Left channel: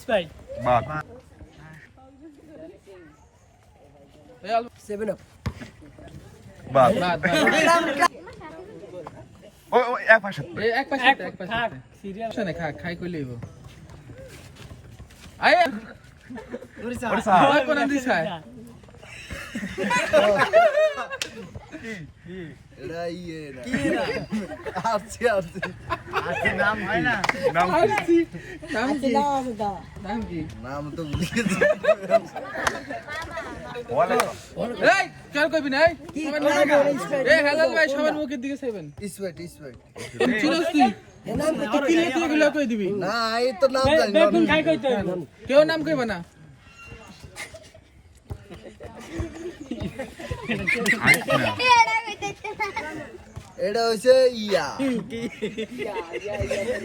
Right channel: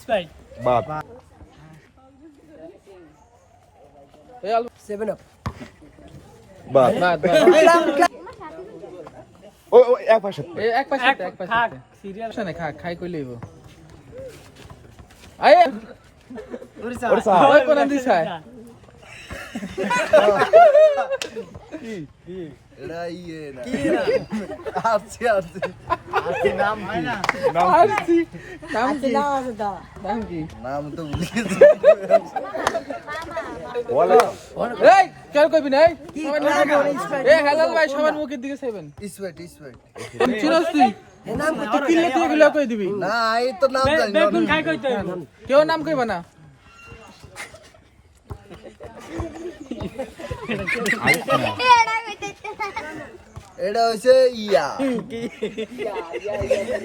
Sprite বাদ। এই 7 up বাদ। ওই ওই এক পাশে। এই এক পাশে এক পাশে খাক সিরিয়াল শোনে খা খাই কই লইব আয় ওরসা ওই কোন দিছ এটা ইয়ে না কি না আছে আছে নাম হয় না নাম কি? নাম কি নাম কি নাম তো ভুলে গেছি বলে। এই চল কইবি না এই হালাল ভাই সবার মুখের দিকে চাইবেন স্পেট স্পেট চিনস তুই তুই কি লেতে এগুলো কই দিবি না এই তো নাম জানি না বেগুন খাই কইতে কেউ নাম কইবা না এটা হইছে ইয়া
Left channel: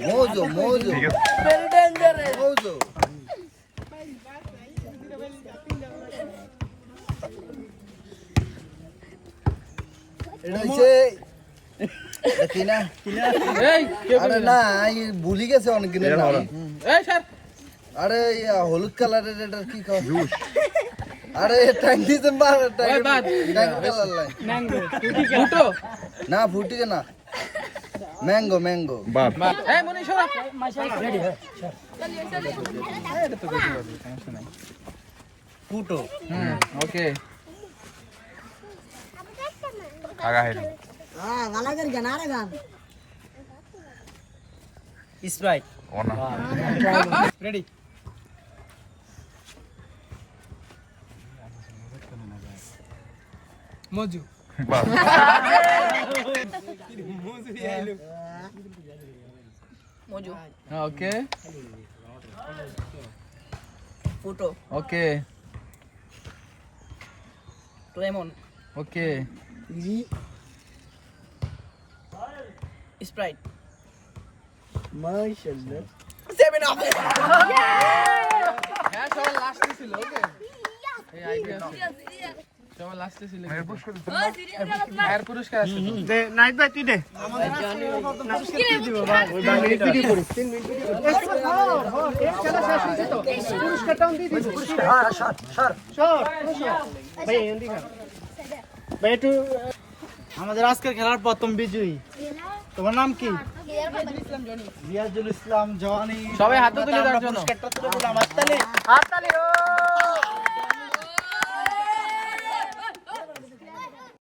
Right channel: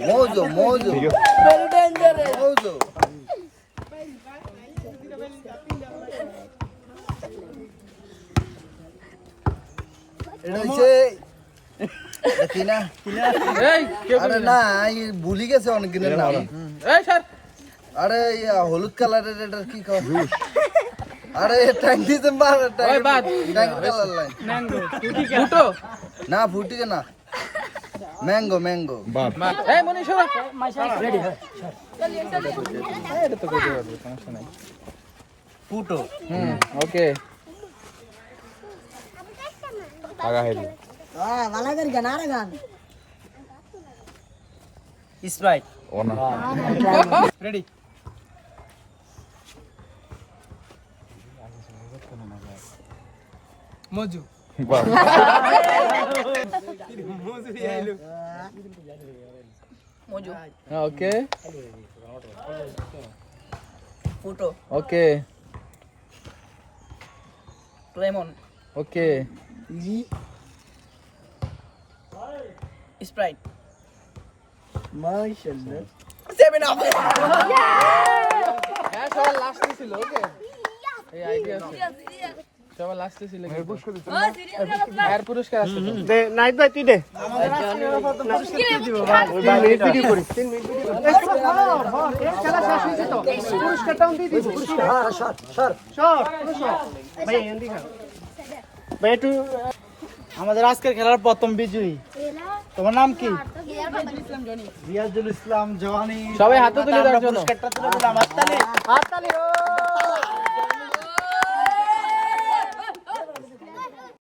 মোজো মোজো ঠিক আছে। মোজো এটা হইছে দেখি না এই কেউ আরে কইবি না এই ভুলি গেছে অনেক দিনের নাম এই স্যার আরে ইয়া হলুদ কালারের এটা কি কয় আরে ট্যাঙ্কিতে মার ওই বাদ। ট্যাঙ্কি কালার লাই ম্যাঙ্গো ফুটো না ফুটিকে না ম্যাঙ্গো ম্যাঙ্গো বাদ। এই মনীষ রেডি হয় এটা তো কইতে পারবি সমস্যা নাই ফুটো ওকে আগা হেরি। স্প্রাইট ও না। রেডি মজু বাদ। মজু আইলো মজু ওকে ফুটো ওকে লেমন ওকে স্প্রাইট মাশাআল্লাহ 7 আপ হ্যাঁ সবার লাস্টে ছিল ওকে এই আইডিয়া আছে সবার লাস্টে ছিল এর পুরস্কার আছে তো। দে নাইট ভাই তুই দে আমাদের পুরস্কার কি দিব ভাই ওই বালি ভিডিও করিস 3 মিনিট ভিডিও এই খেলা শেষ হইছে তো পুরস্কারটাও দিয়ে দিব সর ভাই এন্ডি খা ভাই একটু আমাদের আজকের খেলার প্রথম বিজয়ী তোমার নাম কি রিয়াজুল ইসলাম জওয়ানি সবাই হাতে তুলে আমরা দেওয়ার জন্য। পুরস্কারটা তুলে দিলাম হাততালি